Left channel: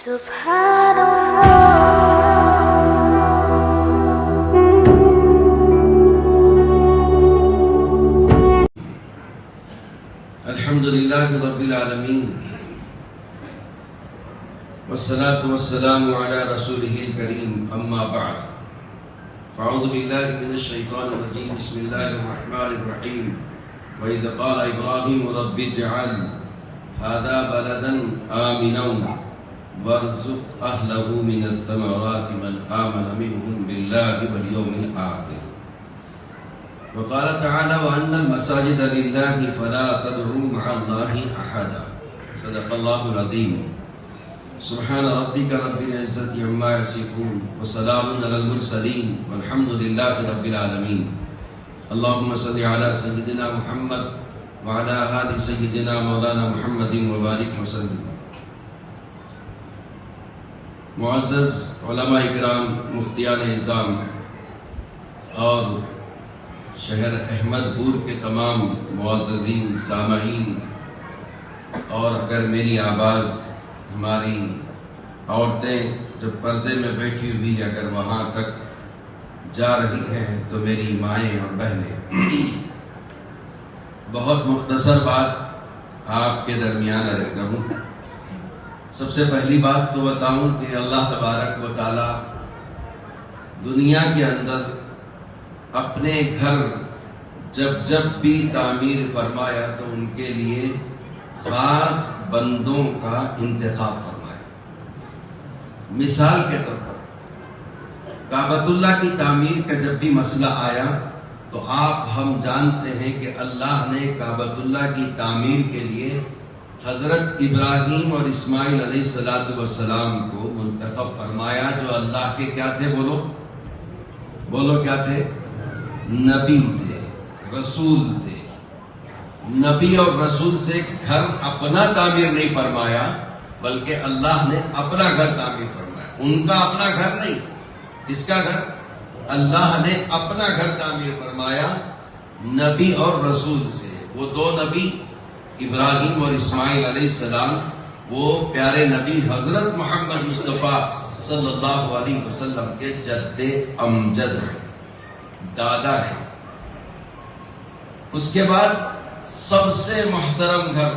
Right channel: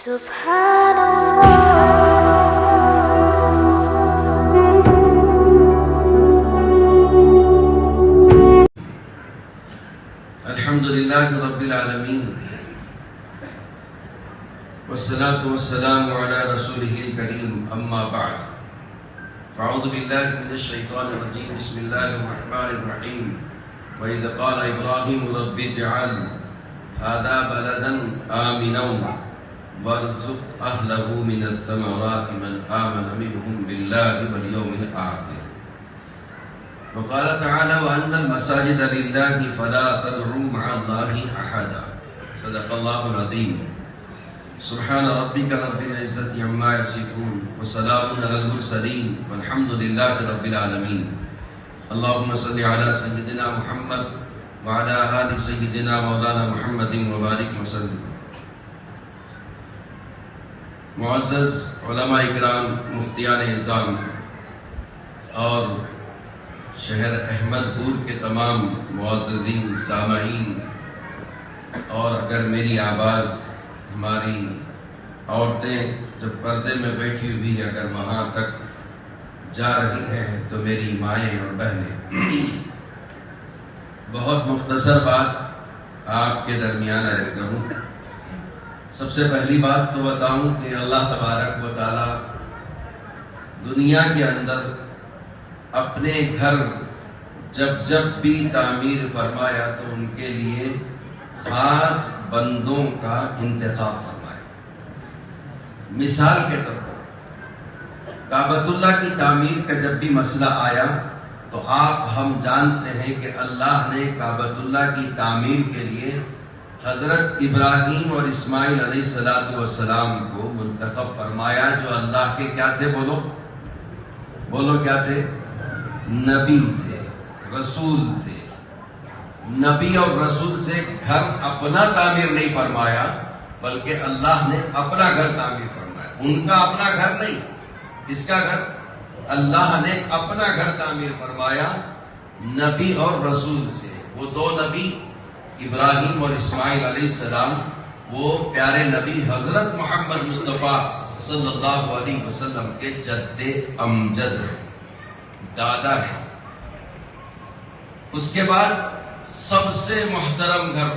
سبحان الحمد لله رب العالمين والصلاة والسلام على رسوله الكريم أما بعد فأعوذ بالله من الشيطان الرجيم بسم الله الرحمن الرحيم وإذ قال إبراهيم رب اجعل هذا بلدا آمنا وارزق أهله من الثمرات من آمن منهم بالله واليوم الآخر وقال تعالى وأن المساجد لله فلا تدعوا مع الله أحدا صدق الله العظيم سبحان ربك رب العزة عما يصفون وسلام على المرسلين والحمد لله رب العالمين اللهم صل على سيدنا محمد وعلى آل سيدنا مولانا محمد وبارك وسلم. معزز علماء اکرام، مفتیان اعظام اور شہر احمد پور کے تمام معززین سامعین، اور اگر میری آواز ہماری عورتیں جو پردے میں بیٹھی ہوئی ہے اگر وہاں تک جا رہی ہیں تو میری مائیں اور بہنیں، بہت مختصر بات آپ کے درمیان عرض کروں. سب سے پہلی بات تو بتاؤں کہ اللہ تبارک و تعالی دنیا کے اندر اپنے گھر جب بھی تعمیر فرمایا تو ان کے لیے خاص بندوں کا انتخاب فرمایا. مثال کے طور پر کعبۃ اللہ کی تعمیر کا جب بھی مسئلہ آیا تو ہم جانتے ہیں کہ اللہ نے کعبۃ اللہ کی تعمیر کے لیے حضرت ابراہیم اور اسماعیل علیہ السلام کو منتخب فرمایا، جو اللہ کے کیا تھے؟ بولو کیا تھے؟ نبی تھے، رسول تھے. نبی اور رسول سے گھر اپنا تعمیر نہیں فرمایا بلکہ اللہ نے اپنا گھر تعمیر فرمایا. ان کا اپنا گھر نہیں، کس کا گھر؟ اللہ نے اپنا گھر تعمیر فرمایا نبی اور رسول سے. وہ دو نبی ابراہیم اور اسماعیل علیہ السلام، وہ پیارے نبی حضرت محمد مصطفیٰ صلی اللہ علیہ وسلم کے جد امجد ہیں، دادا ہے. اس کے بعد سب سے محترم گھر،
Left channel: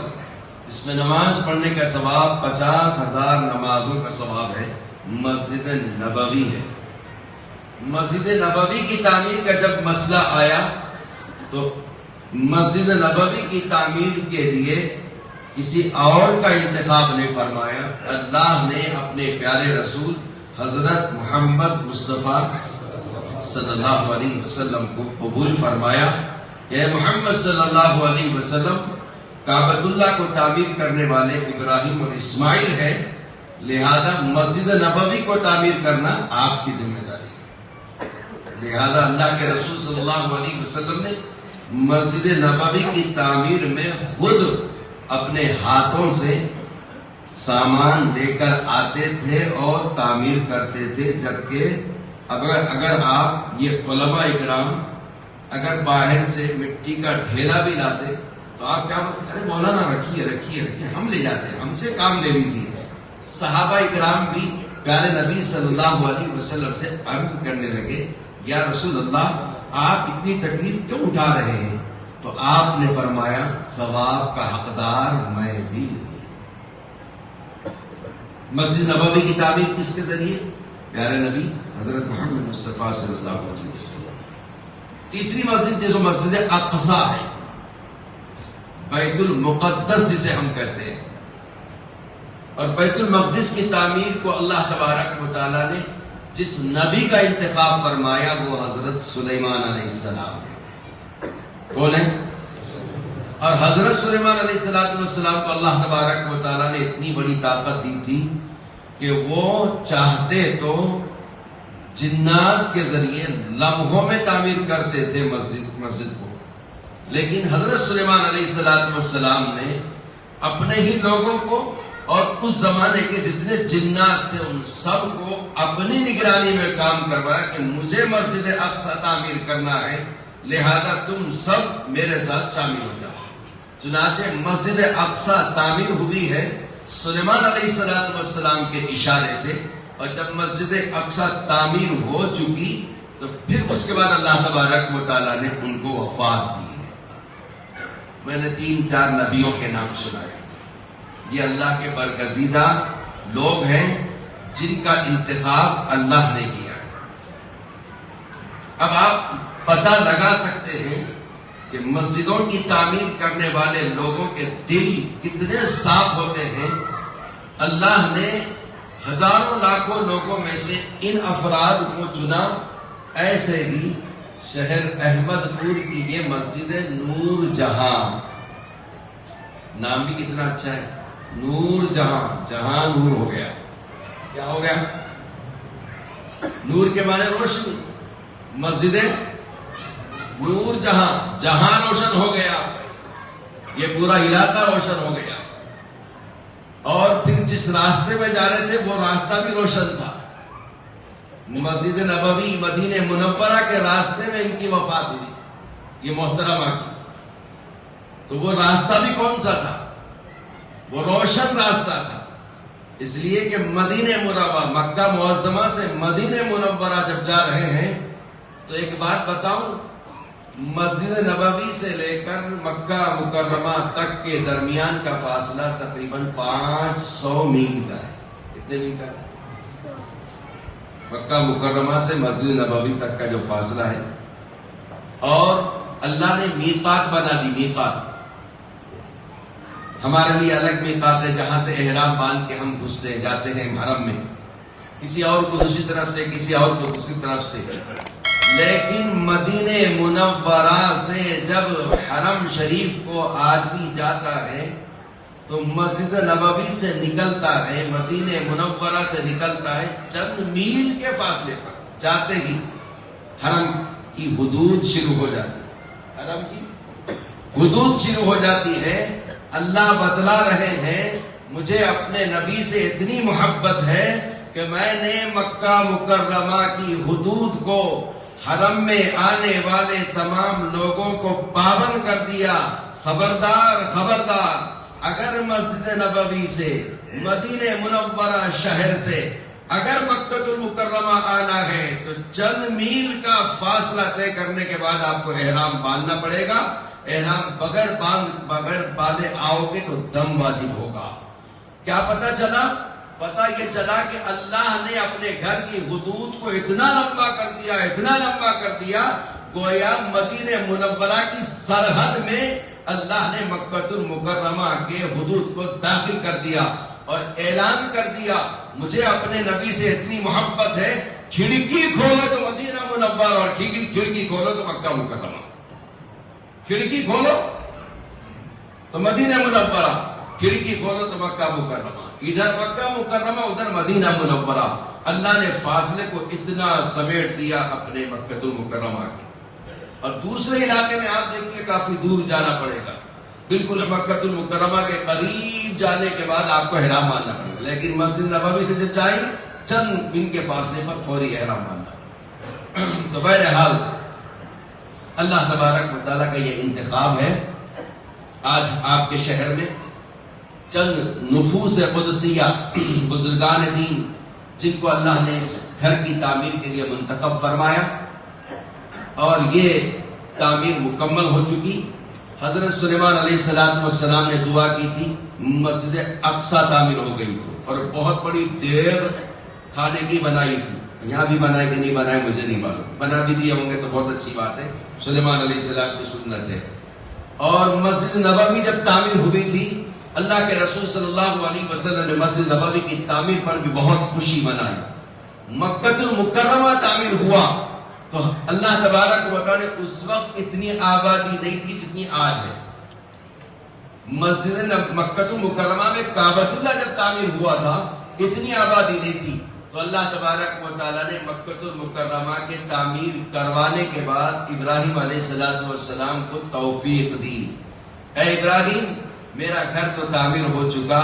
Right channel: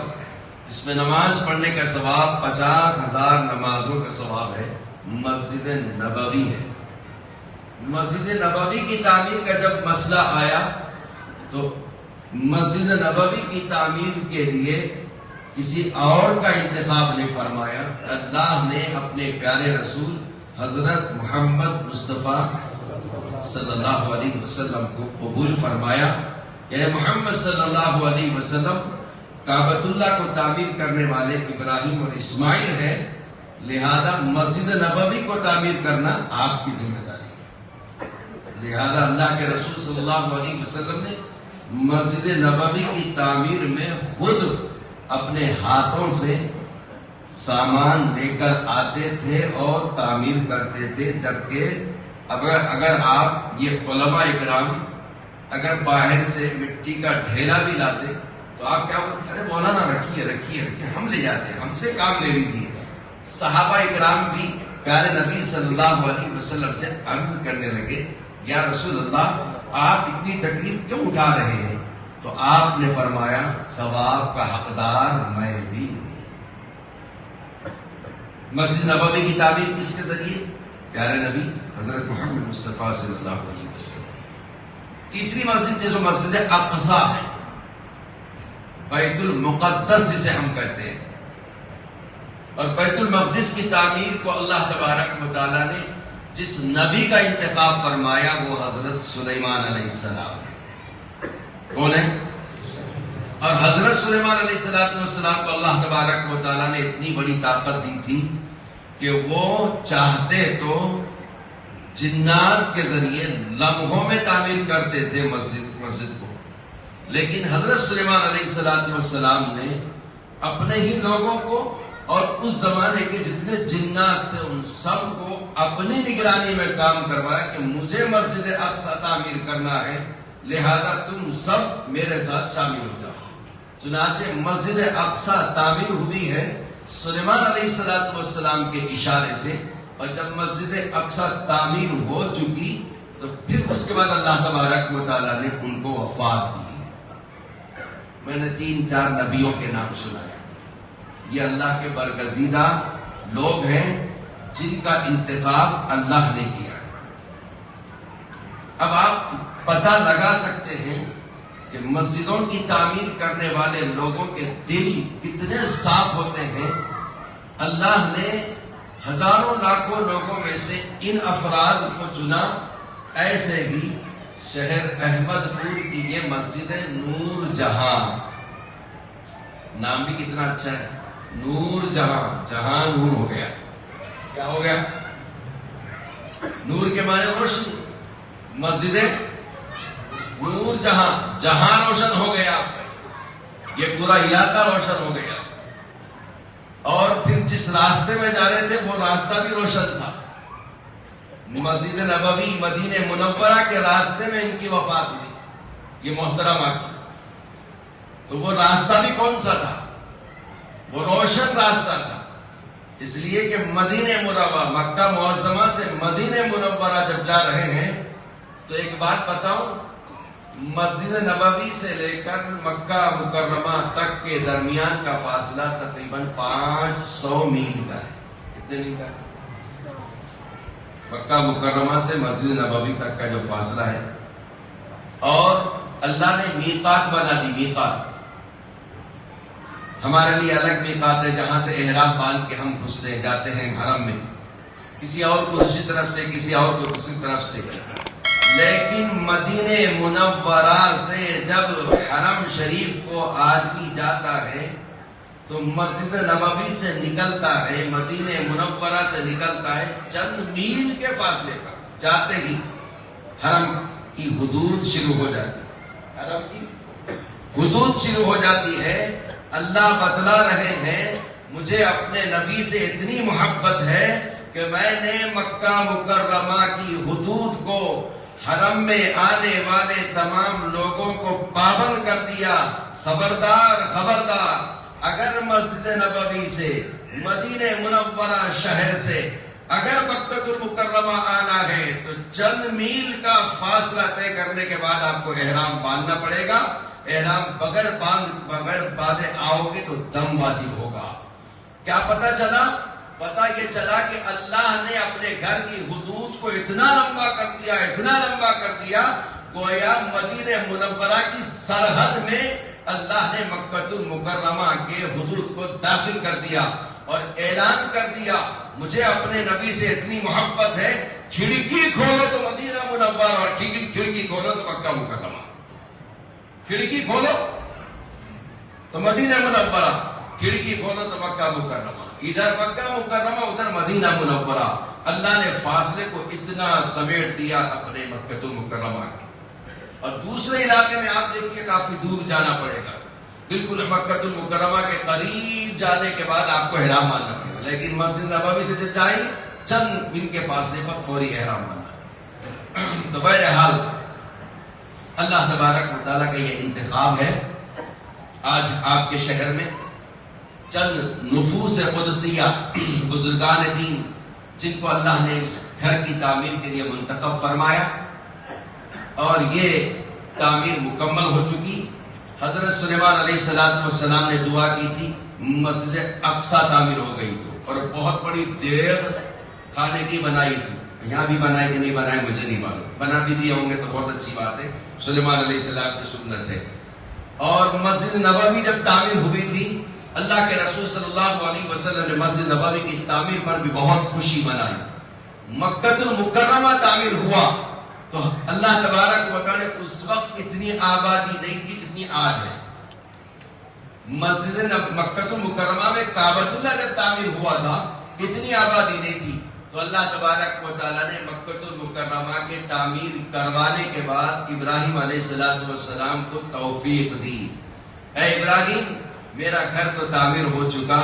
اس میں نماز پڑھنے کا ثواب 50,000 نمازوں کا ثواب ہے، مسجد نبوی ہے. مسجد نبوی کی تعمیر کا جب مسئلہ آیا تو مسجد نبوی کی تعمیر کے لیے کسی اور کا انتخاب نہیں فرمایا. اللہ نے اپنے پیارے رسول حضرت محمد مصطفیٰ صلی اللہ علیہ وسلم کو قبول فرمایا کہ محمد صلی اللہ علیہ وسلم کعبۃ اللہ کو تعمیر کرنے والے ابراہیم اور اسماعیل ہیں، لہذا مسجد نبوی کو تعمیر کرنا آپ کی ذمہ داری ہے. لہذا اللہ کے رسول صلی اللہ علیہ وسلم نے مسجد نبوی کی تعمیر میں خود اپنے ہاتھوں سے سامان لے کر آتے تھے اور تعمیر کرتے تھے. جبکہ اگر آپ یہ علماء اکرام اگر باہر سے مٹی کا ڈھیلا بھی لاتے تو آپ کیا بولتے؟ ارے مولانا رکھیے ہم لے جاتے ہیں، ہم سے کام لے لیجیے. صحابہ اکرام بھی پیارے نبی صلی اللہ علیہ وسلم سے عرض کرنے لگے یا رسول اللہ آپ اتنی تکلیف کیوں اٹھا رہے ہیں؟ تو آپ نے فرمایا ثواب کا حقدار میں بھی. مسجد نبوی کی تعمیر کس کے ذریعے؟ پیارے نبی حضرت محمد مصطفیٰ صلی اللہ علیہ وسلم. تیسری مسجد جو مسجد اقصی ہے، بیت المقدس جسے ہم کہتے ہیں، اور بیت المقدس کی تعمیر کو اللہ تبارک و تعالی نے جس نبی کا انتخاب فرمایا وہ حضرت سلیمان علیہ السلام ہے. کون ہے؟ اور حضرت سلیمان علیہ السلام کو اللہ تبارک و تعالی نے اتنی بڑی طاقت دی تھی کہ وہ چاہتے تو جنات کے ذریعے لمحوں میں تعمیر کرتے تھے مسجد کو، لیکن حضرت سلیمان علیہ السلام نے اپنے ہی لوگوں کو اور اس زمانے کے جتنے جنات تھے ان سب کو اپنی نگرانی میں کام کروایا کہ مجھے مسجد اقصی تعمیر کرنا ہے، لہذا تم سب میرے ساتھ شامل ہو جاؤ. چنانچہ مسجد اقصی تعمیر ہوئی ہے سلیمان علیہ السلام کے اشارے سے، اور جب مسجد اقصی تعمیر ہو چکی تو پھر اس کے بعد اللہ تبارک و تعالیٰ نے ان کو وفات دی ہے۔ میں نے 3-4 نبیوں کے نام سنائے، یہ اللہ کے برگزیدہ لوگ ہیں جن کا انتخاب اللہ نے کیا۔ اب آپ پتہ لگا سکتے ہیں کہ مسجدوں کی تعمیر کرنے والے لوگوں کے دل کتنے صاف ہوتے ہیں۔ اللہ نے ہزاروں لاکھوں لوگوں میں سے ان افراد کو چنا۔ ایسے ہی شہر احمد پور کی یہ مسجد نور جہاں، نام بھی کتنا اچھا ہے، نور جہاں، جہاں نور ہو گیا۔ کیا ہو گیا؟ نور کے معنی روشنی، مسجد نور جہاں، جہاں روشن ہو گیا، یہ پورا علاقہ روشن ہو گیا۔ اور پھر جس راستے میں جا رہے تھے وہ راستہ بھی روشن تھا۔ مسجد نبوی مدینہ منورہ کے راستے میں ان کی وفات ہوئی، یہ محترمہ کی، تو وہ راستہ بھی کون سا تھا؟ وہ روشن راستہ تھا۔ اس لیے کہ مدینہ منورہ، مکہ معظمہ سے مدینہ منورہ جب جا رہے ہیں تو ایک بات بتاؤں، مسجد نبوی سے لے کر مکہ مکرمہ تک کے درمیان کا فاصلہ تقریباً 500 میل کا ہے۔ کتنے میل کا ہے؟ مکہ مکرمہ سے مسجد نبوی تک کا جو فاصلہ ہے، اور اللہ نے میقات بنا دی۔ میقات ہمارے لیے الگ میقات ہے جہاں سے احرام باندھ کے ہم گھستے ہیں، جاتے ہیں حرم میں، کسی اور کو دوسری طرف سے، کسی اور کو دوسری طرف سے۔ لیکن مدینہ منورہ سے جب حرم شریف کو آدمی جاتا ہے تو مسجد نبوی سے نکلتا ہے، مدینہ منورہ سے نکلتا ہے، چند میل کے فاصلے پر جاتے ہی حرم کی حدود شروع ہو جاتی ہے۔ حرم کی حدود شروع ہو جاتی ہے۔ اللہ بتلا رہے ہیں مجھے اپنے نبی سے اتنی محبت ہے کہ میں نے مکہ مکرمہ کی حدود کو، حرم میں آنے والے تمام لوگوں کو پابند کر دیا۔ خبردار خبردار، اگر مسجد نبوی سے، مدینہ منورہ شہر سے اگر مکہ المکرمہ آنا ہے تو چند میل کا فاصلہ طے کرنے کے بعد آپ کو احرام باندھنا پڑے گا۔ احرام بغیر باندھے آؤ گے تو دم واجب ہوگا۔ کیا پتہ چلا؟ پتہ یہ چلا کہ اللہ نے اپنے گھر کی حدود کو اتنا لمبا کر دیا، اتنا لمبا کر دیا، گویا مدینہ منورہ کی سرحد میں اللہ نے مکہ المکرمہ کے حدود کو داخل کر دیا اور اعلان کر دیا مجھے اپنے نبی سے اتنی محبت ہے، کھڑکی کھولو تو مدینہ منورہ، اور کھڑکی کھولو تو مکہ مکرمہ، کھڑکی کھولو تو مدینہ منورہ، کھڑکی کھولو تو مکہ مکرمہ، ادھر مکہ مکرمہ ادھر مدینہ منورہ۔ اللہ نے فاصلے کو اتنا سمیٹ دیا اپنے مکہ المکرمہ کے۔ اور دوسرے علاقے میں آپ دیکھیے کافی دور جانا پڑے گا، بالکل مکہ المکرمہ کے قریب جانے کے بعد آپ کو احرام باندھنا پڑے گا، لیکن مسجد نبوی سے جب جائیں چند ان کے فاصلے پر فوری احرام باندھنا۔ تو بہرحال اللہ تبارک و تعالیٰ کا یہ انتخاب ہے۔ آج آپ کے شہر میں چند نفوس قدسیہ، بزرگان دین، جن کو اللہ نے اس گھر کی تعمیر کے لیے منتخب فرمایا، اور یہ تعمیر مکمل ہو چکی۔ حضرت سلیمان علیہ السلام نے دعا کی تھی، مسجد اقصی تعمیر ہو گئی تھی، اور بہت بڑی دیر کھانے کی بنائی تھی۔ یہاں بھی بنائی کہ نہیں بنائے مجھے نہیں معلوم، بنا بھی دیے ہوں گے تو بہت اچھی بات ہے، سلیمان علیہ السلام کی سنت ہے۔ اور مسجد نبوی جب تعمیر ہوئی تھی، اللہ کے رسول صلی اللہ علیہ وسلم نے مسجد نبوی کی تعمیر پر بھی بہت خوشی منائی۔ مکہ المکرمہ تعمیر ہوا تو اللہ تبارک و تعالی نے اس وقت اتنی آبادی نہیں تھی جتنی آج ہے۔ مسجد مکہ المکرمہ میں کعبۃ اللہ جب تعمیر ہوا تھا اتنی آبادی نہیں تھی، تو اللہ تبارک و تعالیٰ نے مکہ المکرمہ کے تعمیر کروانے کے بعد ابراہیم علیہ السلام کو توفیق دی، اے ابراہیم میرا گھر تو تعمیر ہو چکا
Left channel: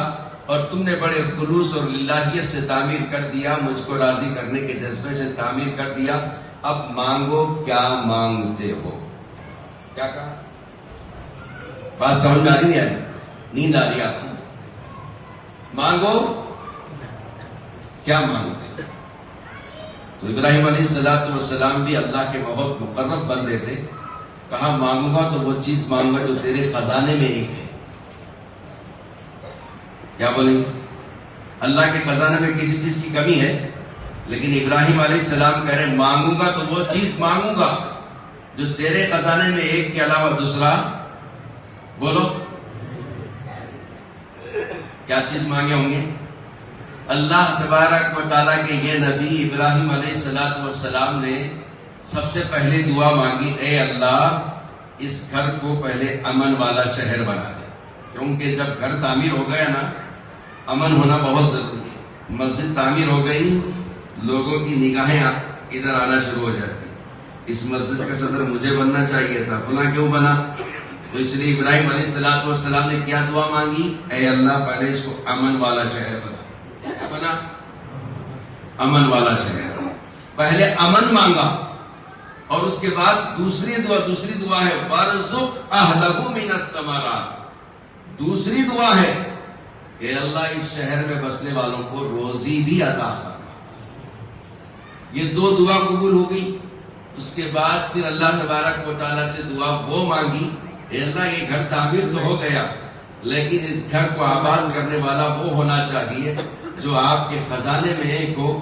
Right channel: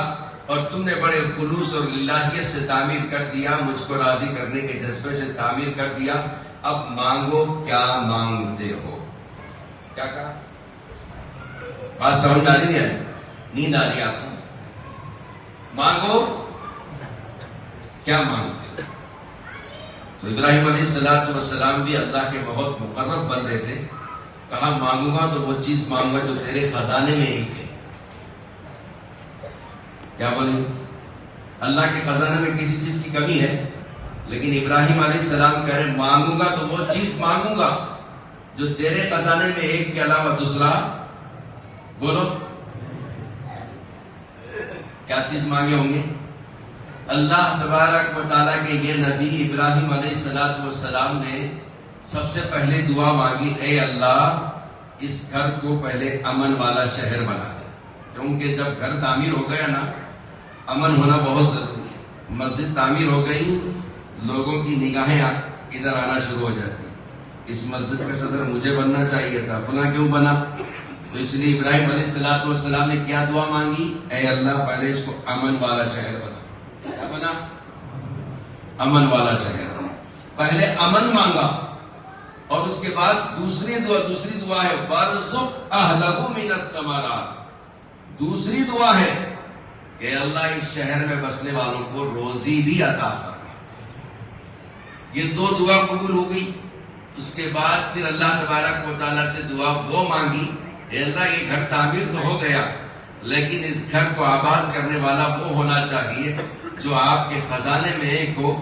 اور تم نے بڑے خلوص اور للہیت سے تعمیر کر دیا، مجھ کو راضی کرنے کے جذبے سے تعمیر کر دیا، اب مانگو کیا مانگتے ہو۔ کیا کہا؟ بات سمجھ میں آ رہی نہیں آئی؟ نیند آ رہی آپ کو؟ مانگو کیا مانگتے؟ تو ابراہیم علیہ السلام بھی اللہ کے بہت مقرب بندے تھے. کہا مانگوں گا تو وہ چیز مانگوں گا جو تیرے خزانے میں ایک ہے. کیا بولیں؟ اللہ کے خزانے میں کسی چیز کی کمی ہے، لیکن ابراہیم علیہ السلام کہہ رہے مانگوں گا تو وہ چیز مانگوں گا جو تیرے خزانے میں ایک کے علاوہ دوسرا. بولو کیا چیز مانگے ہوں گے؟ اللہ تبارک و تعالیٰ کے یہ نبی ابراہیم علیہ السلام نے سب سے پہلے دعا مانگی، اے اللہ اس گھر کو پہلے امن والا شہر بنا دے. کیونکہ جب گھر تعمیر ہو گیا نا، امن ہونا بہت ضروری ہے. مسجد تعمیر ہو گئی، لوگوں کی نگاہیں ادھر آنا شروع ہو جاتی. اس مسجد کا صدر مجھے بننا چاہیے تھا، فلاں کیوں بنا؟ تو اس لیے ابراہیم علیہ السلام نے کیا دعا مانگی؟ اے اللہ پہلے اس کو امن والا شہر بنا. کیا بنا؟ امن والا شہر. پہلے امن مانگا، اور اس کے بعد دوسری دعا ہے وارزق اہلہ من الثمرات. دوسری دعا ہے کہ اللہ اس شہر میں بسنے والوں کو روزی بھی عطا فرما. یہ دو دعا قبول ہو گئی. اس کے بعد پھر اللہ تبارک و تعالیٰ سے دعا وہ مانگی، اے اللہ یہ گھر تعمیر تو ہو گیا، لیکن اس گھر کو آباد کرنے والا وہ ہونا چاہیے جو آپ کے خزانے میں ایک ہو.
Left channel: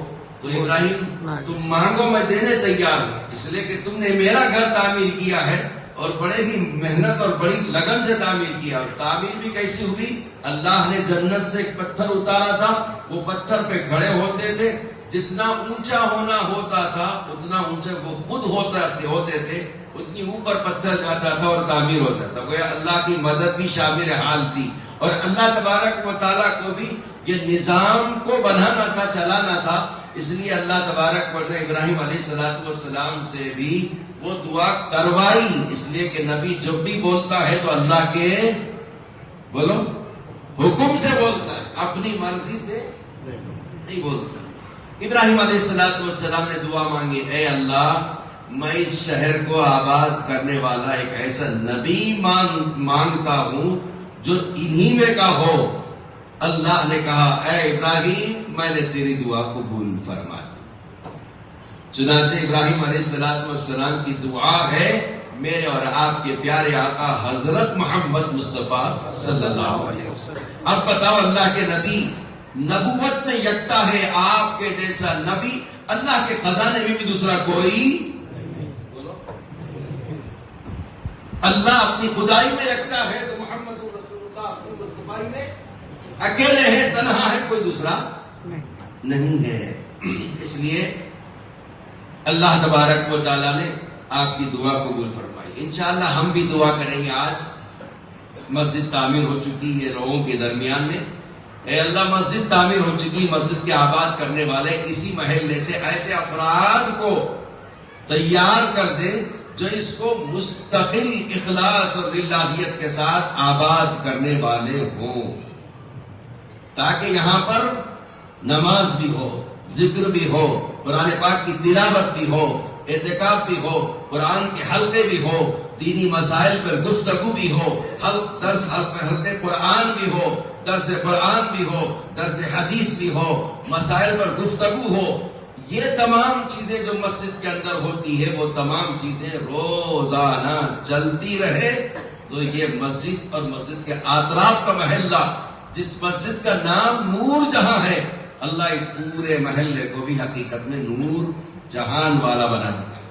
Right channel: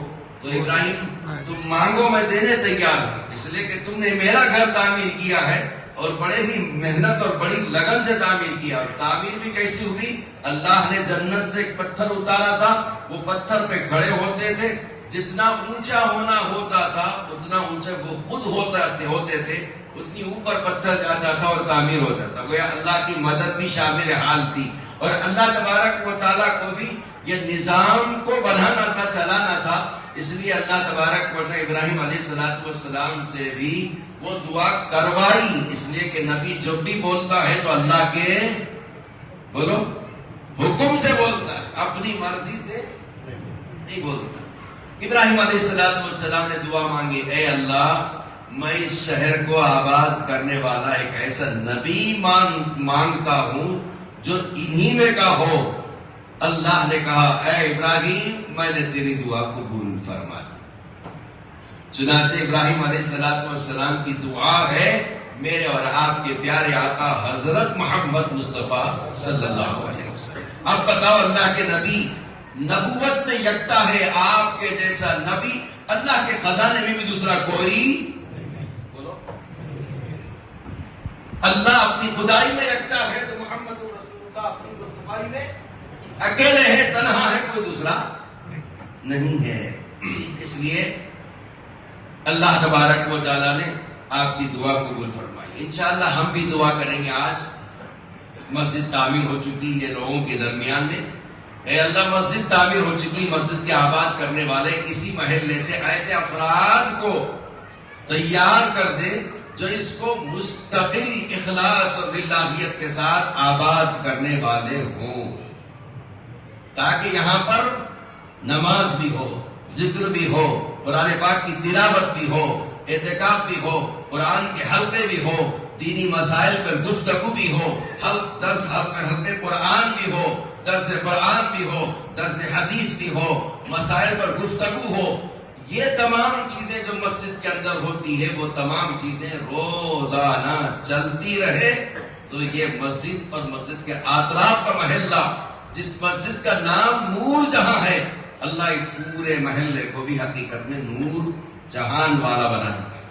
تو ابراہیم تم مانگو میں دینے تیار ہوں، اس لیے کہ تم نے میرا گھر تعمیر کیا ہے اور بڑے ہی محنت اور بڑی لگن سے تعمیر کیا. تعمیر بھی کیسی ہوئی؟ اللہ نے جنت سے ایک پتھر اتارا تھا، وہ پتھر پہ کھڑے ہوتے تھے، جتنا اونچا ہونا ہوتا تھا اتنا اونچا وہ خود ہوتے تھے، اتنی اوپر پتھر جاتا تھا اور تعمیر ہوتا تھا. گویا اللہ کی مدد بھی شامل حال تھی، اور اللہ تبارک و تعالیٰ کو بھی یہ نظام کو بنانا تھا، چلانا تھا. اس لیے اللہ تبارک و تعالیٰ ابراہیم علیہ السلام سے بھی وہ دعا کروائی. اس لیے کہ نبی جو بھی بولتا ہے تو اللہ کے بولو حکم سے بولتا ہے، اپنی مرضی سے نہیں بولتا. ابراہیم علیہ السلام نے دعا مانگی، اے اللہ میں اس شہر کو آباد کرنے والا ایک ایسا نبی مانگتا ہوں جو انہی میں کا ہو. اللہ نے کہا اے ابراہیم میں نے تیری دعا قبول فرما لی. چنانچہ ابراہیم علیہ السلام کی دعا ہے میرے اور آپ کے پیارے آقا حضرت محمد مصطفیٰ صلی اللہ علیہ وسلم. اب بتاؤ اللہ کے نبی نبوت میں یکتا ہے، آپ کے جیسا نبی اللہ کے خزانے میں بھی دوسرا کوئی بولو. اللہ اپنی خدائی میں یکتا ہے تو محمد رسول اللہ اپنی مصطفیٰ میں اکیلے ہے، تنہا ہے، کوئی دوسرا نہیں ہے. اس لیے اللہ تبارک و تعالیٰ نے آپ کی دعا قبول فرمائی. انشاءاللہ ہم بھی دعا کریں گے. آج مسجد تعمیر ہو چکی ہے لوگوں کے درمیان میں. اے اللہ مسجد تعمیر ہو چکی، مسجد کے آباد کرنے والے اسی محلے سے ایسے افراد کو تیار کر دے جو اس کو مستقل اخلاص اور للہیت کے ساتھ آباد کرنے والے ہوں، تاکہ یہاں پر نماز بھی ہو، ذکر بھی ہو، قرآن پاک کی تلاوت بھی ہو، اعتکاف بھی ہو، قرآن کے حلقے بھی ہو، دینی مسائل پر گفتگو بھی ہو، حلقے قرآن بھی ہو، درس قرآن بھی ہو، درس حدیث بھی ہو، مسائل پر گفتگو ہو. یہ تمام چیزیں جو مسجد کے اندر ہوتی ہے وہ تمام چیزیں روزانہ چلتی رہے تو یہ مسجد اور مسجد کے اطراف کا محلہ، جس مسجد کا نام نور جہاں ہے، اللہ اس پورے محلے کو بھی حقیقت میں نور جہان والا بنا دیتا ہے.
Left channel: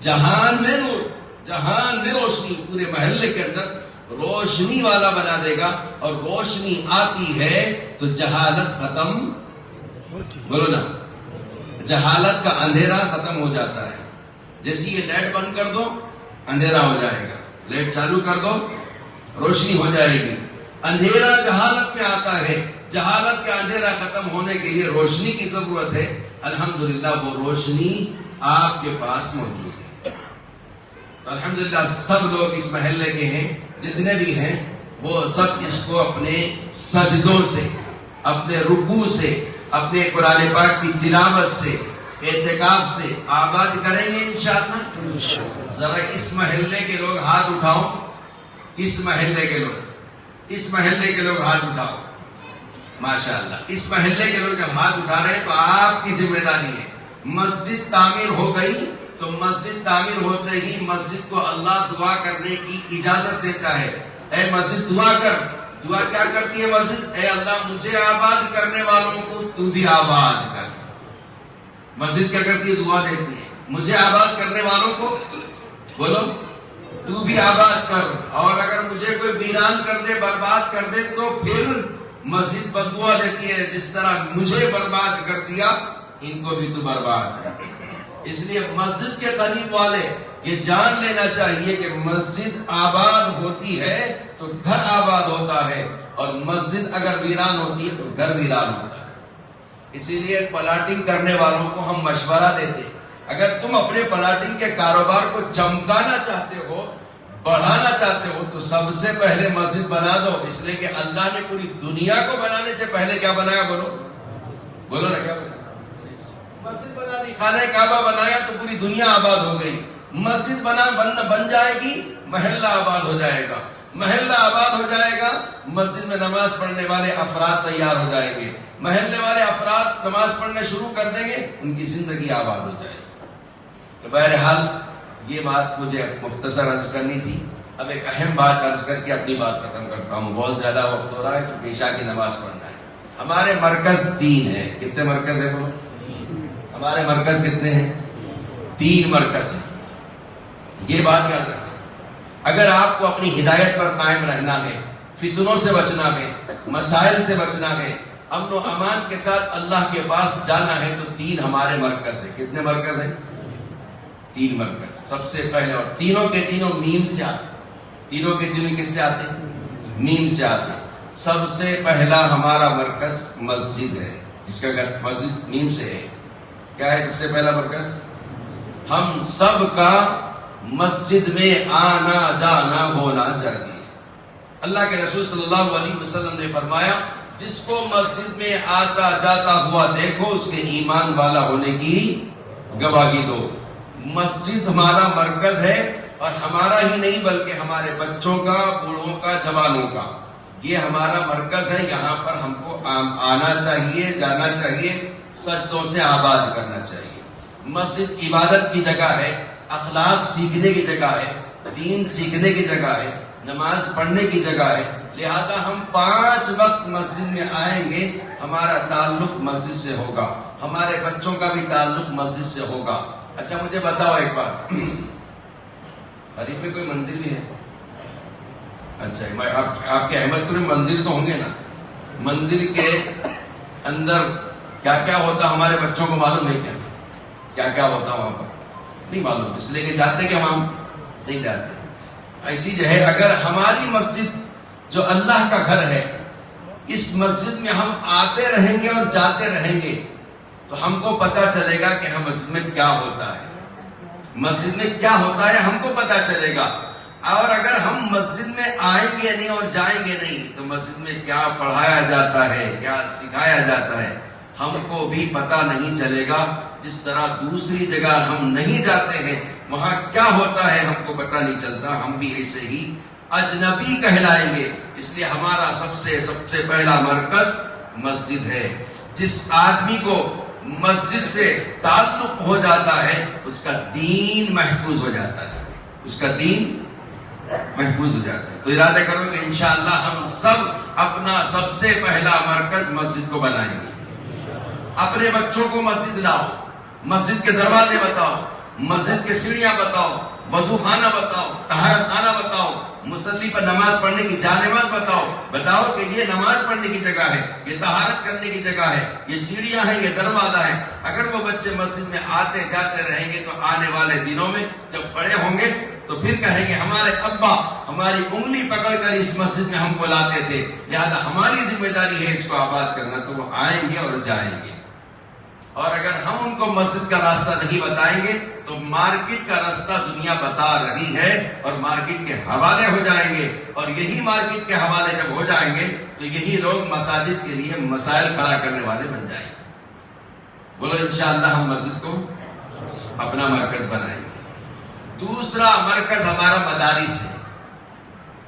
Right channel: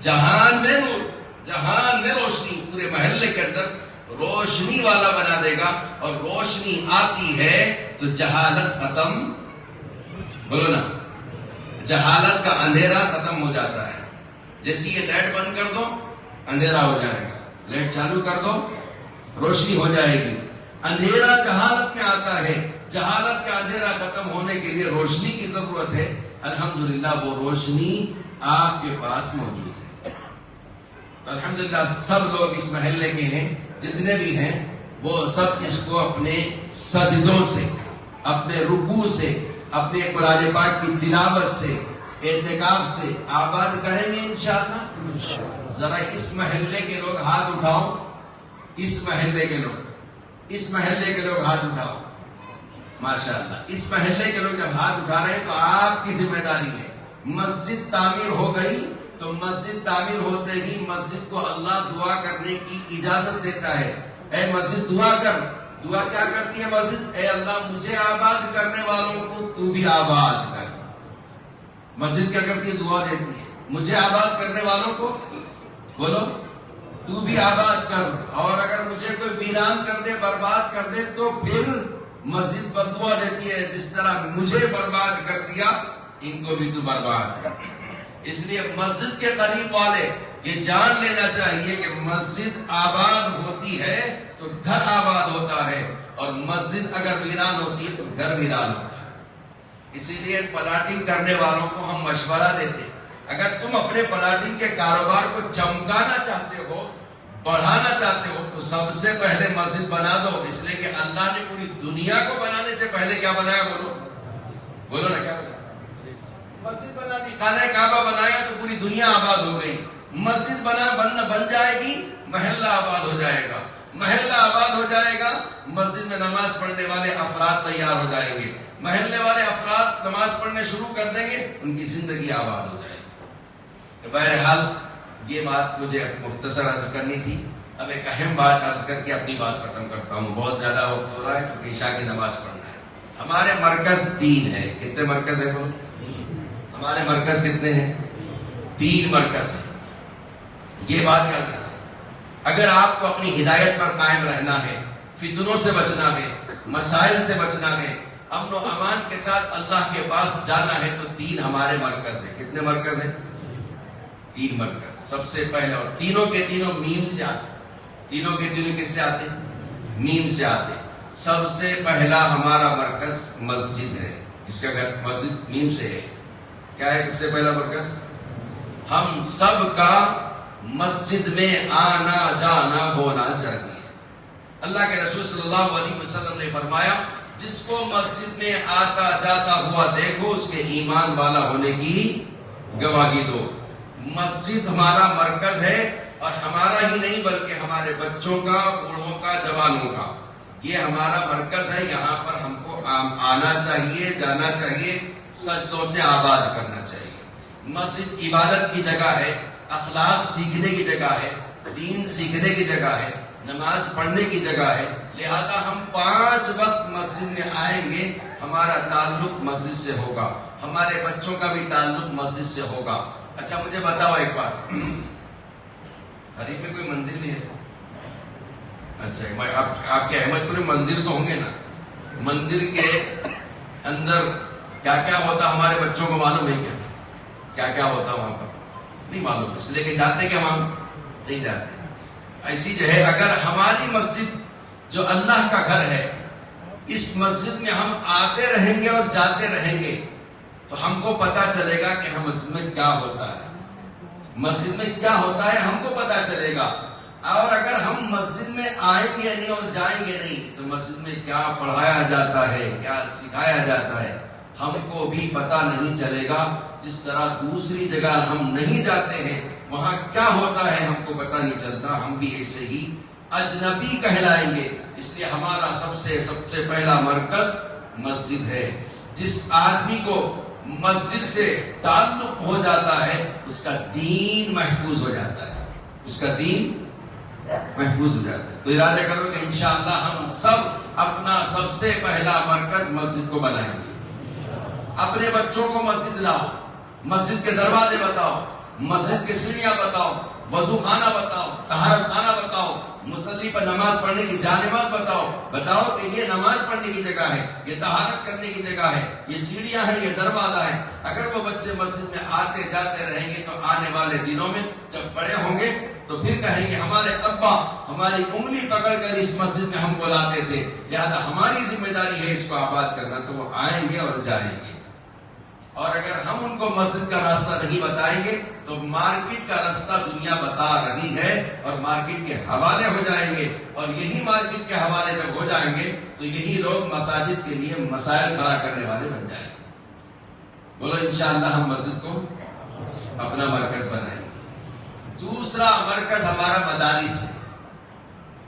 جہان میں نور، جہان میں روشنی، پورے محلے کے اندر روشنی والا بنا دے گا. اور روشنی آتی ہے تو جہالت ختم، بولو نا، جہالت کا اندھیرا ختم ہو جاتا ہے. جیسے یہ لائٹ بند کر دو اندھیرا ہو جائے گا، لائٹ چالو کر دو روشنی ہو جائے گی. اندھیرا جہالت میں آتا ہے، جہالت کا اندھیرا ختم ہونے کے لیے روشنی کی ضرورت ہے. الحمدللہ وہ روشنی آپ کے پاس موجود ہے. تو الحمدللہ سب لوگ اس محلے کے ہیں، جتنے بھی ہیں وہ سب اس کو اپنے سجدوں سے، اپنے رکوع سے، اپنے قرآن پاک کی تلاوت سے، اعتکاف سے آباد کریں گے انشاءاللہ. ذرا اس محلے کے لوگ ہاتھ اٹھاؤ، اس محلے کے لوگ ہاتھ اٹھاؤ. ماشاءاللہ اس محلے کے لوگ جب ہاتھ اٹھا رہے ہیں تو آپ کی ذمہ داری ہے. مسجد تعمیر ہو گئی تو مسجد تعمیر ہوتے ہی مسجد کو اللہ دعا کرنے کی اجازت دیتا ہے. اے مسجد دعا کر. دعا کیا کرتی ہے مسجد؟ اے اللہ مجھے آباد کرنے والوں کو تو بھی آباد کر. مسجد کیا کرتی ہے؟ دعا دیتی ہے مجھے آباد کرنے والوں کو بولو تو بھی آباد کر. اور اگر مجھے کوئی ویران کر دے، برباد کر دے، تو پھر مسجد بددعا دیتی ہے جس طرح مجھے برباد کر دیا ان کو بھی تو برباد کر دیا. اس لیے مسجد کے قریب والے یہ جان لینا چاہیے کہ مسجد آباد ہوتی ہے تو گھر آباد ہوتا ہے، اور مسجد اگر ویران ہوتی ہے تو گھر ویران ہوتا ہے. اسی لیے پلاٹنگ کرنے والوں کو ہم مشورہ دیتے ہیں، اگر تم اپنے پلاٹنگ کے کاروبار کو چمکانا چاہتے ہو، بڑھانا چاہتے ہو، تو سب سے پہلے مسجد بنا دو. اس لیے کہ اللہ نے پوری دنیا کو بنانے سے پہلے کیا بنایا؟ بولو نا کیا بنایا؟ مسجد بنا دی. خانہ کعبہ بنایا تو پوری دنیا آباد ہو گئی. مسجد بن جائے گی، محلہ آباد ہو جائے گا. محلہ آباد ہو جائے گا، مسجد میں نماز پڑھنے والے افراد تیار ہو جائیں گے. محلے والے افراد نماز پڑھنا شروع کر دیں گے، ان کی زندگی آباد ہو جائے گی. تو بہرحال یہ بات مجھے مختصر عرض کرنی تھی. اب ایک اہم بات عرض کر کے اپنی بات ختم کرتا ہوں. بہت زیادہ وقت ہو رہا ہے تو عشاء کی نماز پڑھنا ہے. ہمارے مرکز 3 ہیں. کتنے مرکز ہیں بولو؟ ہمارے مرکز کتنے ہیں؟ 3 مرکز ہیں. یہ بات یاد رکھیں، اگر آپ کو اپنی ہدایت پر قائم رہنا ہے، فتنوں سے بچنا ہے، مسائل سے بچنا ہے، امن و امان کے ساتھ اللہ کے پاس جانا ہے، تو 3 ہمارے مرکز ہیں. کتنے مرکز ہیں؟ 3 مرکز. سب سے پہلے، اور تینوں کے تینوں میم سے آتے ہیں. تینوں کے تینوں کس سے آتے ہیں؟ میم سے آتے ہیں. سب سے پہلا ہمارا مرکز مسجد ہے. اس کا اگر مسجد میم سے ہے، کیا ہے سب سے پہلا مرکز؟ ہم سب کا مسجد میں آنا جانا ہونا چاہیے. اللہ کے رسول صلی اللہ علیہ وسلم نے فرمایا، جس کو مسجد میں آتا جاتا ہوا دیکھو، اس کے ایمان والا ہونے کی گواہی دو. مسجد ہمارا مرکز ہے، اور ہمارا ہی نہیں بلکہ ہمارے بچوں کا، بوڑھوں کا، جوانوں کا. یہ ہمارا مرکز ہے. یہاں پر ہم کو آنا چاہیے، جانا چاہیے، سجدوں سے آباد کرنا چاہیے. مسجد عبادت کی جگہ ہے، اخلاق سیکھنے کی جگہ ہے، دین سیکھنے کی جگہ ہے، نماز پڑھنے کی جگہ ہے. لہذا ہم 5 وقت مسجد میں آئیں گے. ہمارا تعلق مسجد سے ہوگا، ہمارے بچوں کا بھی تعلق مسجد سے ہوگا. اچھا مجھے بتاؤ ایک بات، حریف میں کوئی مندر بھی ہے؟ اچھا آپ کے احمد پور میں مندر تو ہوں گے نا. مندر کے اندر کیا کیا ہوتا ہمارے بچوں کو معلوم ہے کیا؟ کیا کیا ہوتا وہاں پر؟ نہیں معلوم. اس لیے کہ جاتے کہ ہم نہیں جاتے. ایسی جو ہے، اگر ہماری مسجد جو اللہ کا گھر ہے، اس مسجد میں ہم آتے رہیں گے اور جاتے رہیں گے، تو ہم کو پتا چلے گا کہ ہم مسجد میں کیا ہوتا ہے. مسجد میں کیا ہوتا ہے ہم کو پتا چلے گا. اور اگر ہم مسجد میں آئیں گے نہیں اور جائیں گے نہیں، تو مسجد میں کیا پڑھایا جاتا ہے، کیا سکھایا جاتا ہے، ہم کو بھی پتا نہیں چلے گا. جس طرح دوسری جگہ ہم نہیں جاتے ہیں، وہاں کیا ہوتا ہے ہم کو پتا نہیں چلتا، ہم بھی ایسے ہی اجنبی کہلائیں گے. اس لیے ہمارا سب سے پہلا مرکز مسجد ہے. جس آدمی کو مسجد سے تعلق ہو جاتا ہے، اس کا دین محفوظ ہو جاتا ہے. اس کا دین محفوظ ہو جاتا ہے. تو ارادہ کرو کہ انشاءاللہ ہم سب اپنا سب سے پہلا مرکز مسجد کو بنائیں گے. اپنے بچوں کو مسجد لاؤ، مسجد کے دروازے بتاؤ، مسجد کے سیڑھیاں بتاؤ، وضو خانہ بتاؤ، طہارت خانہ بتاؤ، مصلی پر نماز پڑھنے کی جا نماز بتاؤ کہ یہ نماز پڑھنے کی جگہ ہے، یہ طہارت کرنے کی جگہ ہے، یہ سیڑھیاں ہیں، یہ دروازہ ہے. اگر وہ بچے مسجد میں آتے جاتے رہیں گے تو آنے والے دنوں میں جب بڑے ہوں گے تو پھر کہیں گے ہمارے ابا ہماری انگلی پکڑ کر اس مسجد میں ہم کو لاتے تھے، لہذا ہماری ذمہ داری ہے اس کو آباد کرنا. تو وہ آئیں گے اور جائیں گے. اور اگر ہم ان کو مسجد کا راستہ نہیں بتائیں گے تو مارکیٹ کا راستہ دنیا بتا رہی ہے، اور مارکیٹ کے حوالے ہو جائیں گے. اور یہی مارکیٹ کے حوالے جب ہو جائیں گے تو یہی لوگ مساجد کے لیے مسائل کھڑا کرنے والے بن جائیں گے. بولو انشاءاللہ ہم مسجد کو اپنا مرکز بنائیں گے. دوسرا مرکز ہمارا مدارس ہے.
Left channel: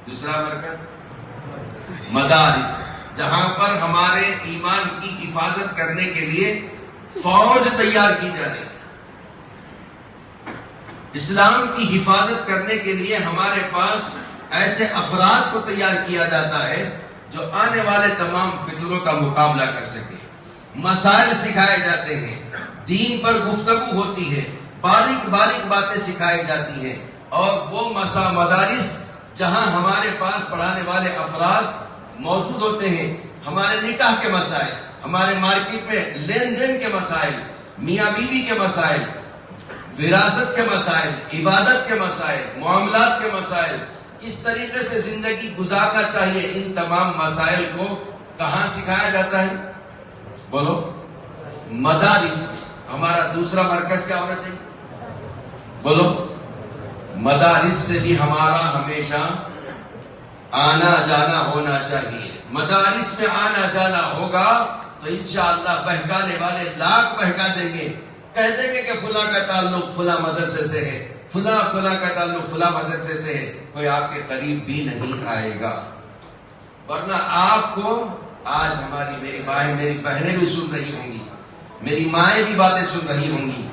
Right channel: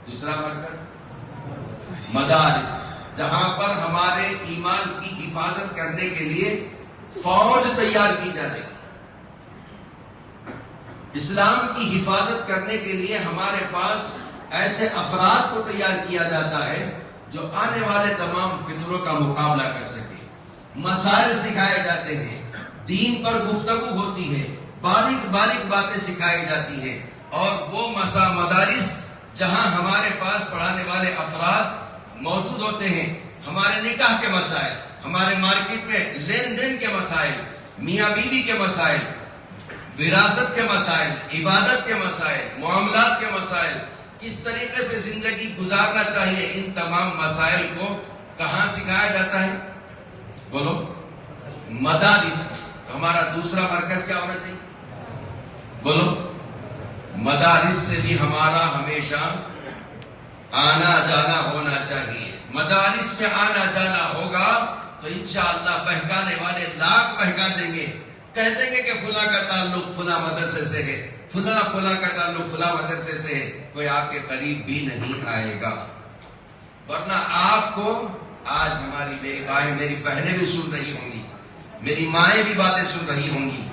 دوسرا مرکز مدارس. جہاں پر ہمارے ایمان کی حفاظت کرنے کے لیے فوج تیار کی جا رہی ہے، اسلام کی حفاظت کرنے کے لیے ہمارے پاس ایسے افراد کو تیار کیا جاتا ہے جو آنے والے تمام فتنوں کا مقابلہ کر سکے. مسائل سکھائے جاتے ہیں، دین پر گفتگو ہوتی ہے، باریک باریک باتیں سکھائی جاتی ہیں، اور وہ مدارس جہاں ہمارے پاس پڑھانے والے افراد موجود ہوتے ہیں، ہمارے نکاح کے مسائل، ہمارے مارکیٹ میں لین دین کے مسائل، میاں بیوی کے مسائل، وراثت کے مسائل، عبادت کے مسائل، معاملات کے مسائل، کس طریقے سے زندگی گزارنا چاہیے، ان تمام مسائل کو کہاں سکھایا جاتا ہے؟ بولو. مدارس. ہمارا دوسرا مرکز کیا ہونا چاہیے؟ بولو. مدارس سے بھی ہمارا ہمیشہ آنا جانا ہونا چاہیے. مدارس میں آنا جانا ہوگا تو انشاءاللہ بہکانے والے لاکھ بہکا دیں گے، کہہ دیں گے کہ فلاں کا تعلق فلاں مدرسے سے ہے، فلاں کا تعلق فلاں مدرسے سے ہے، کوئی آپ کے قریب بھی نہیں آئے گا. ورنہ آپ کو آج میری بہنیں بھی سن رہی ہوں گی، میری مائیں بھی باتیں سن رہی ہوں گی.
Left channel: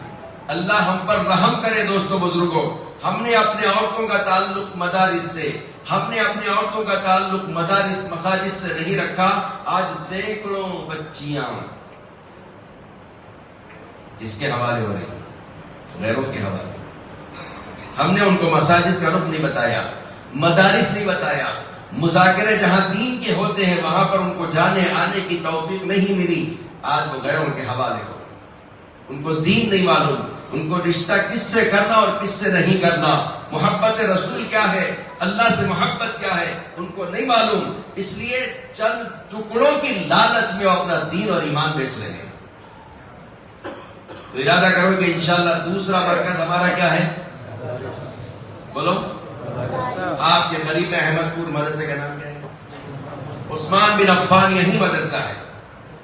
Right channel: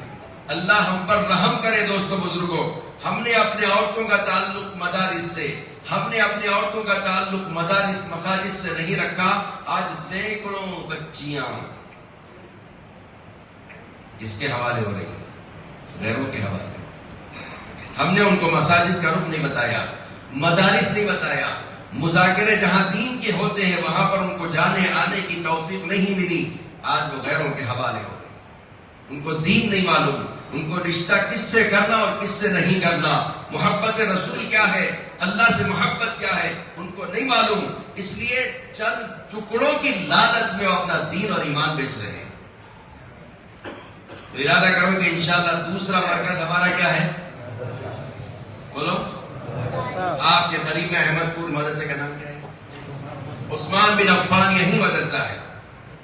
اللہ ہم پر رحم کرے. دوستوں بزرگوں، ہم نے اپنے عورتوں کا تعلق مدارس سے، ہم نے اپنے عورتوں کا تعلق مدارس مساجد سے نہیں رکھا. آج سینکڑوں بچیاں کس کے حوالے ہو رہی ہیں؟ غیروں کے حوالے. ہم نے ان کو مساجد کا رخ نہیں بتایا، مدارس نہیں بتایا. مذاکرے جہاں دین کے ہوتے ہیں وہاں پر ان کو جانے آنے کی توفیق نہیں ملی. آج وہ غیروں کے حوالے ہو گئے. ان کو دین نہیں معلوم، ان کو رشتہ کس سے کرنا اور کس سے نہیں کرنا، محبت رسول کیا ہے، اللہ سے محبت کیا ہے، ان کو نہیں معلوم. اس لیے چند ٹکڑوں کی لالچ میں وہ اپنا دین اور ایمان بیچ رہے ہیں. تو ارادہ کرو کہ انشاءاللہ دوسرا مرکز ہمارا کیا ہے؟ بولو. آپ کے قریب میں احمد پور مدرسے کا نام کیا ہے؟ عثمان بن عفان. یہی مدرسہ ہے.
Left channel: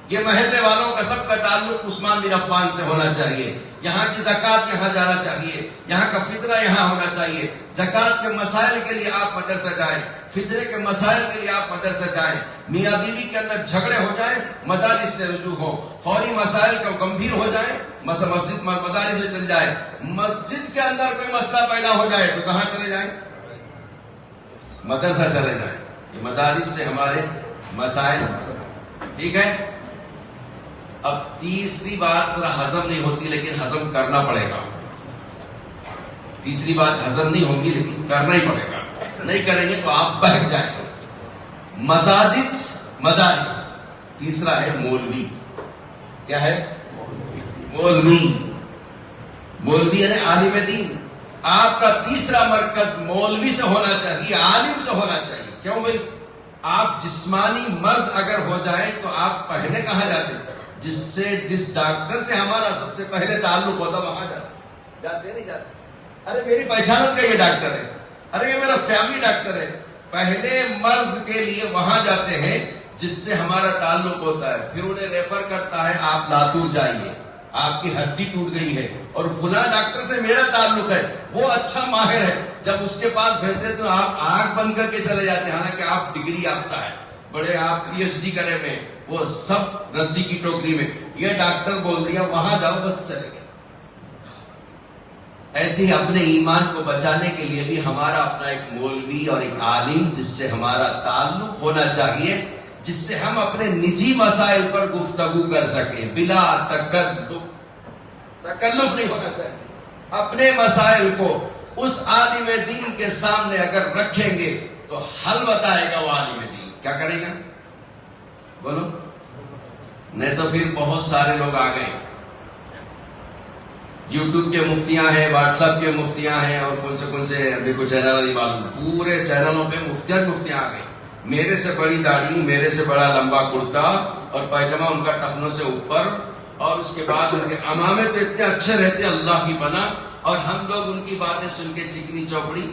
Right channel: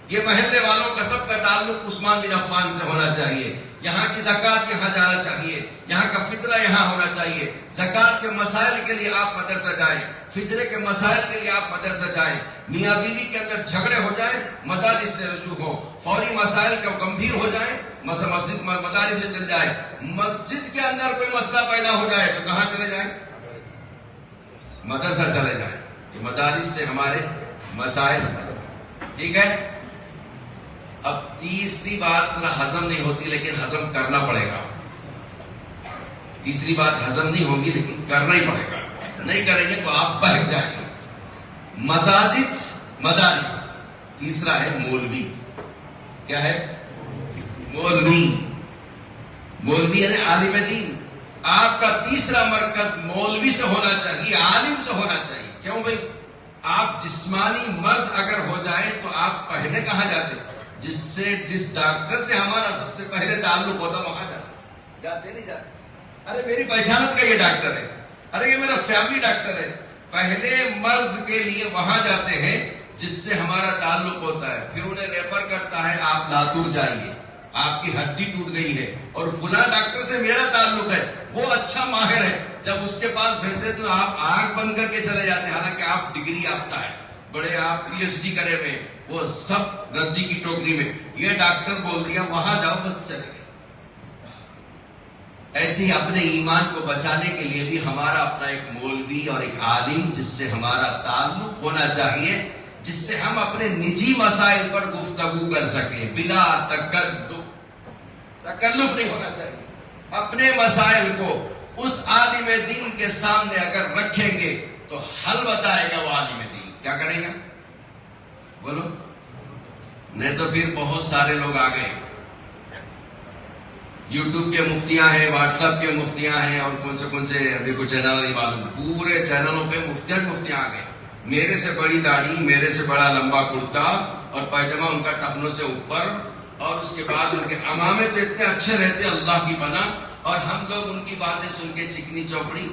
یہ محلے والوں کا سب کا تعلق عثمان بن عفان سے ہونا چاہیے. یہاں کی زکوٰۃ یہاں جانا چاہیے، یہاں کا فطرہ یہاں ہونا چاہیے. زکوٰۃ کے مسائل کے لیے آپ مدرسہ جائیں، فطرے کے مسائل کے لیے آپ مدرسہ جائیں. میاں بیوی کے اندر جھگڑے ہو جائیں، مدارس سے رجوع ہو. فوری مسائل کا گمبھیر ہو جائیں، مسجد مدارس سے چل جائے. مسجد کے اندر کوئی مسئلہ پیدا ہو جائے تو کہاں چلے جائیں؟ مدرسہ چلے جائیں. یہ مدارس سے ہمارے مسائل. ٹھیک ہے. اب تیسری بات ذرا ہضم نہیں ہوتی لیکن ہضم کرنا پڑے گا. تیسری بات ہضم نہیں ہوگی لیکن کرنا ہی پڑے گا. نہیں کریں گے تو آپ بہک جائیں گے. مساجد، مدارس. تیسرا ہے مولوی. کیا ہے؟ مولوی. مولوی یعنی عالم دین. آپ کا تیسرا مرکز مولوی سے ہونا چاہیے، عالم سے ہونا چاہیے. کیوں بھائی؟ آپ جسمانی مرض اگر ہو جائے تو آپ پہلے کہاں جاتے؟ جس ڈاکٹر سے ہمارا سب سے پہلے تعلق ہوتا وہاں جاتے نہیں جاتے. ارے میری پہچانت کا یہ ڈاکٹر ہے، ارے یہ میرا فیملی ڈاکٹر ہے. پہلے مرض کے لیے وہاں جاتے ہیں جس سے ہمارا تعلق ہوتا ہے. پھر انہیں ریفر کرتا ہے آپ لاتور جائیے، آپ کی ہڈی ٹوٹ گئی ہے اور فلاں ڈاکٹر سے میرا تعلق ہے، وہ اچھا ماہر ہے. جب اس کے پاس بھیجتے تو آپ آنکھ بند کر کے چلے جاتے ہیں، حالانکہ آپ ڈگری یافتہ ہے، بڑے آپ پی ایچ ڈی کرے ہوئے، وہ سب ردی کی ٹوکری میں. یہ ڈاکٹر بول دیا وہاں جاؤ، بس چلے گئے. ایسے ہی اپنے ایمان کو بچانے کے لیے بھی ہمارا اپنا ایک مولوی اور ایک عالم جس سے ہمارا تعلق ہونا چاہیے، جس سے ہم اپنے نجی مسائل پر گفتگو کر سکیں بلا تکلف نہیں ہونا چاہیے. اپنے مسائل کو اس عالم دین کے سامنے اگر رکھیں گے تو حل بتائے گا وہ عالم دین. کیا کرے گا؟ بولو. نہیں تو پھر بہت سارے لوگ آ گئے، یوٹیوب کے مفتیاں ہیں، واٹس ایپ کے مفتیاں ہیں، اور کون سے ابھی کچھ چینل نہیں معلوم، پورے چینلوں پہ مفتیاں آ گئے. میرے سے بڑی داڑھی، میرے سے بڑا لمبا کرتا اور پائجامہ ان کا ٹخنوں سے اوپر، اور اس کے بعد ان کے امامے تو اتنے اچھے رہتے اللہ کی پناہ، اور ہم لوگ ان کی باتیں سن کے چکنی چوپڑی.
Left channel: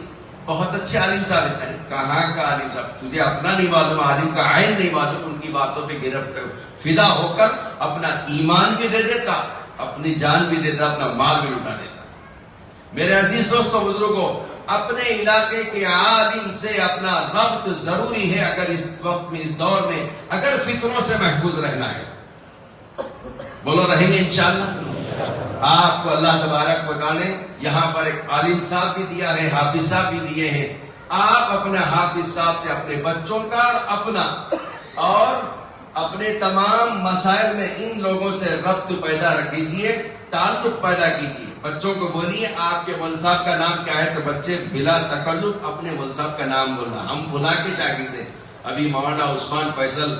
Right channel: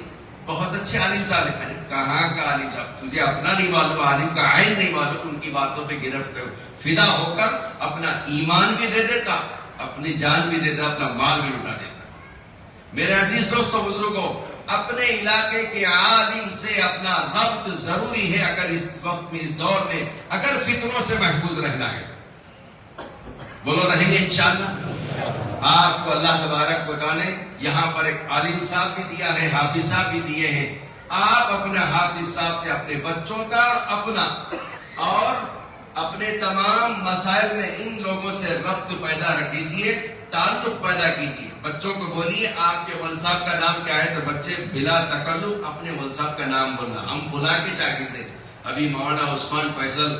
بہت اچھے عالم صاحب ہیں. کہاں کا عالم صاحب؟ تجھے اپنا نہیں معلوم، عالم کا عین نہیں معلوم. ان کی باتوں پہ گرفت فدا ہو کر اپنا ایمان بھی دے دیتا، اپنی جان بھی دیتا، اپنا مال بھی لٹا دیتا. میرے عزیز دوستوں بزرگوں، اپنے علاقے کے عالم سے اپنا ربط ضروری ہے اگر اس وقت میں، اس دور میں اگر فتنوں سے محفوظ رہنا ہے۔ بولو رہیں گے انشاءاللہ۔ آپ کو اللہ تبارک و تعالی نے یہاں پر ایک عالم صاحب بھی دیا ہے، حافظ صاحب بھی دیے ہیں۔ آپ اپنے حافظ صاحب سے اپنے بچوں کا اور اپنے تمام مسائل میں ان لوگوں سے ربط پیدا کیجیے، تعلق پیدا کیجیے۔ بچوں کو بولیے آپ کے مول صاحب کا نام کیا ہے، تو بچے بلا تکلف اپنے مول صاحب کا نام بولنا، ہم فلاں کے شاگرد ہیں۔ ابھی مولانا عثمان فیصل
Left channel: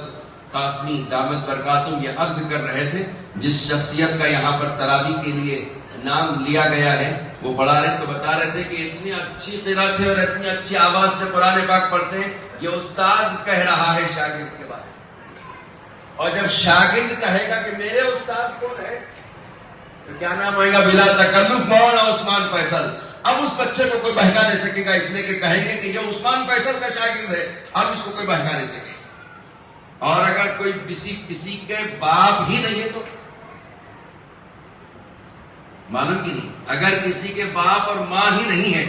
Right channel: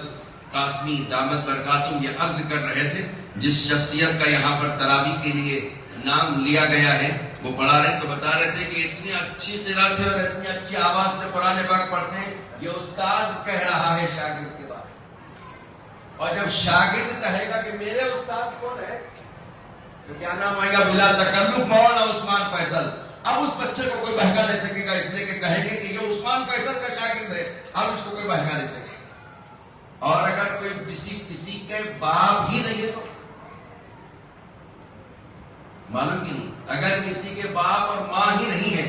قاسمی دامت برکاتہم یہ عرض کر رہے تھے، جس شخصیت کا یہاں پر تراویح کے لیے نام لیا گیا ہے وہ پڑھا رہے تو بتا رہے تھے کہ اتنی اچھی قرات ہے اور اتنی اچھی آواز سے قرآن پاک پڑھتے ہیں، یہ استاذ کہہ رہا ہے شاگرد کے بارے میں۔ اور جب شاگرد کہے گا کہ میرے استاذ کون ہے تو کیا نام ہوئے گا؟ بلا تکلف مولانا عثمان فیصل۔ اب اس بچے کو کوئی بہکا نہیں سکے گا، اس لیے کہ کہیں گے کہ یہ عثمان فیصل کا شاگرد ہے، اب اس کو کوئی بہکا نہیں سکے۔ اور اگر کوئی کسی کے باپ ہی نہیں ہے تو معلوم کی نہیں، اگر کسی کے باپ اور ماں ہی نہیں ہے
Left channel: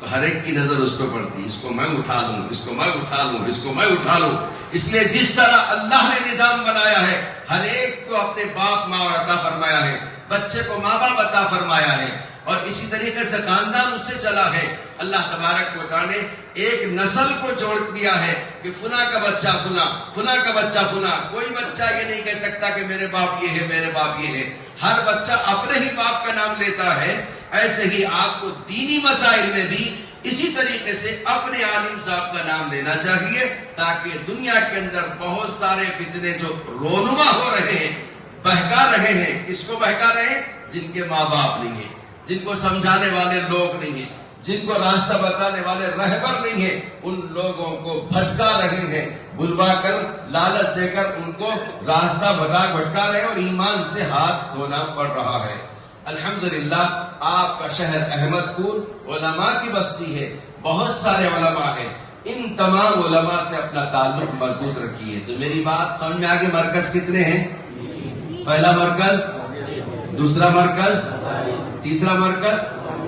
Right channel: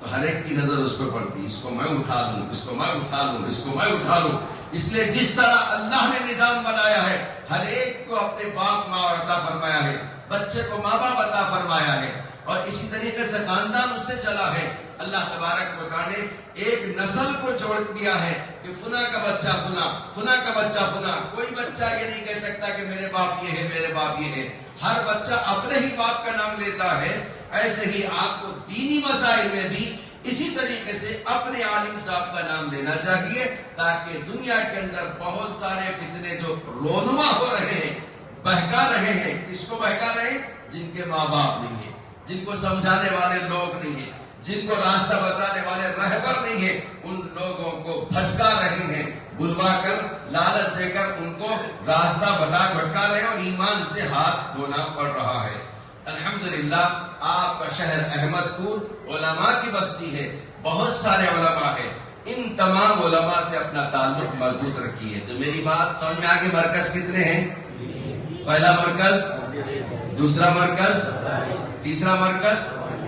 تو ہر ایک کی نظر اس کو پڑتی، اس کو میں اٹھا لوں، اس کو میں اٹھا لوں، اس کو میں اٹھا لوں۔ اس لیے جس طرح اللہ نے نظام بنایا ہے، ہر ایک کو اپنے باپ ماں عطا فرمایا ہے، بچے کو ماں باپ عطا فرمایا ہے، اور اسی طریقے سے خاندان اس سے چلا ہے۔ اللہ تبارک و تعالی نے ایک نسل کو جوڑ دیا ہے کہ فلاں کا بچہ فلاں، فلاں کا بچہ فلاں۔ کوئی بچہ یہ نہیں کہہ سکتا کہ میرے باپ یہ ہے، میرے باپ یہ ہے۔ ہر بچہ اپنے ہی باپ کا نام لیتا ہے۔ ایسے ہی آپ کو دینی مسائل میں بھی اسی طریقے سے اپنے عالم صاحب کا نام لینا چاہیے، تاکہ دنیا کے اندر بہت سارے فتنے جو رونما ہو رہے ہیں، بہکا رہے ہیں، کس کو بہکا رہے ہیں؟ جن کے ماں باپ نہیں ہیں، جن کو سمجھانے والے لوگ نہیں ہیں، جن کو راستہ بتانے والے رہبر نہیں ہیں، ان لوگوں کو بھٹکا رہے ہیں، بلوا کر لالچ دے کر ان کو راستہ بھٹکا رہے ہیں، اور ایمان سے ہاتھ دھونا پڑ رہا ہے۔ الحمدللہ آپ کا شہر احمد پور علماء کی بستی ہے، بہت سارے علماء ہیں، ان تمام علماء سے اپنا تعلق مضبوط رکھیے۔ تو میری بات سمجھ میں آگے؟ مرکز کتنے ہیں؟ پہلا مرکز، دوسرا مرکز، تیسرا مرکز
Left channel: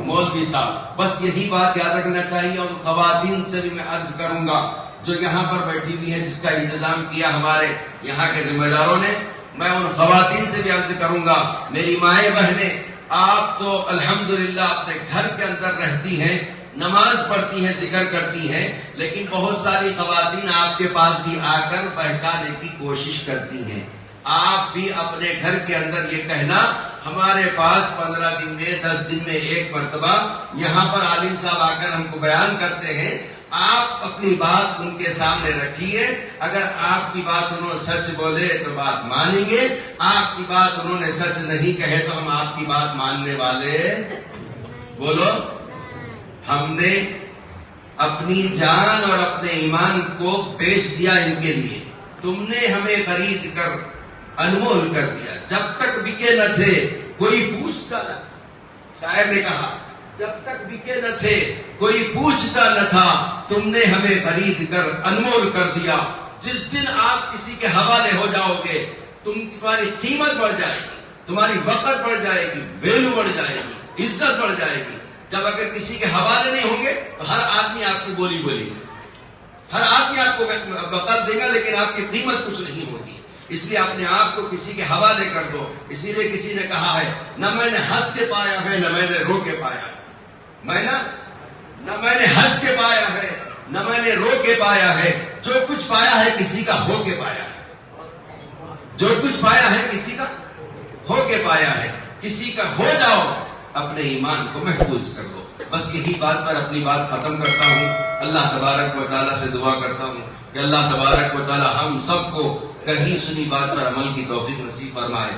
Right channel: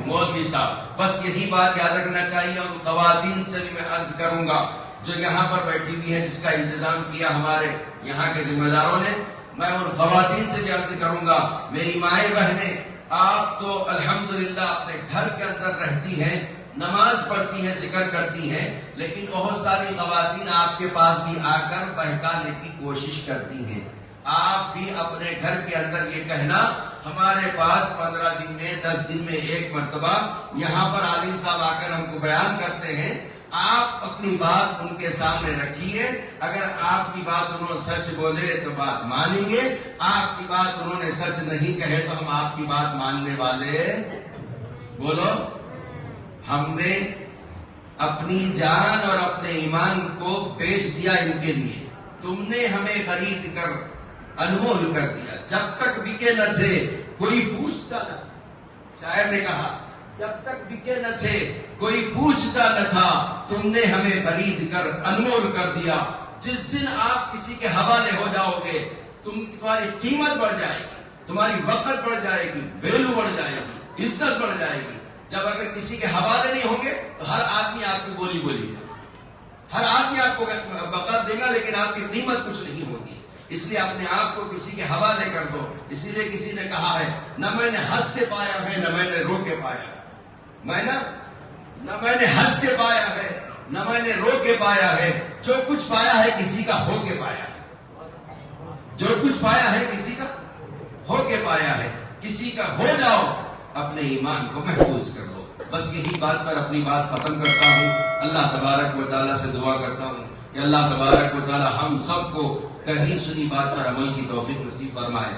مولوی صاحب۔ بس یہی بات یاد رکھنا چاہیے، اور خواتین سے بھی میں عرض کروں گا جو یہاں پر بیٹھی ہوئی ہے، جس کا انتظام کیا ہمارے یہاں کے ذمہ داروں نے، میں ان خواتین سے بھی عرض کروں گا، میری مائیں بہنیں، آپ تو الحمدللہ اپنے گھر کے اندر رہتی ہیں، نماز پڑھتی ہیں، ذکر کرتی ہیں، لیکن بہت ساری خواتین آپ کے پاس بھی آ کر بہکانے کی کوشش کرتی ہیں۔ آپ بھی اپنے گھر کے اندر یہ کہنا، ہمارے پاس 15 دن میں 10 دن میں ایک مرتبہ یہاں پر عالم صاحب آ کر ہم کو بیان کرتے ہیں، آپ اپنی بات ان کے سامنے رکھیے۔ اگر آپ کی بات انہوں نے سچ بولے تو بات مانیں گے، آپ کی بات انہوں نے سچ نہیں کہے تو ہم آپ کی بات ماننے والے۔ بولو، ہم نے اپنی جان اور اپنے ایمان کو بیچ دیا ان کے لیے، تم نے ہمیں خرید کر انمول کر دیا، جب تک بکے نہ تھے کوئی پوچھتا نہ تھا۔ شاعر نے کہا جب تک بکے نہ تھے کوئی پوچھتا نہ تھا، تم نے ہمیں خرید کر انمول کر دیا۔ جس دن آپ کسی کے حوالے ہو جاؤ گے، تمہاری قیمت بڑھ جائے گی، تمہاری وقت بڑھ جائے گی، ویلو بڑھ جائے گی، عزت بڑھ جائے گی۔ جب اگر کسی کے حوالے نہیں ہوں گے تو ہر آدمی آپ کو بولی بولے گا، ہر آدمی آپ کو وقت دے گا، لیکن آپ کی قیمت کچھ نہیں ہوگی۔ اس لیے اپنے آپ کو کسی کے حوالے کر دو۔ اسی لیے کسی نے کہا ہے، نہ میں نے ہنس کے پایا ہے، نہ میں نے رو کے پایا ہے۔ نہ میں نے ہنس کے پایا ہے، نہ میں نے رو کے پایا ہے۔ جو کچھ پایا ہے کسی کا ہو کے پایا ہے، جو کچھ پایا ہے کسی کا ہو کے پایا ہے۔ کسی کا ہو جاؤ، اپنے ایمان کو محفوظ کر دو۔ بس یہی بات پر اپنی بات ختم کرتا ہوں۔ اللہ تبارک و تعالیٰ سے دعا کرتا ہوں کہ اللہ تبارک و تعالیٰ ہم سب کو کہیں سنی بات پر عمل کی توفیق نصیب فرمائے۔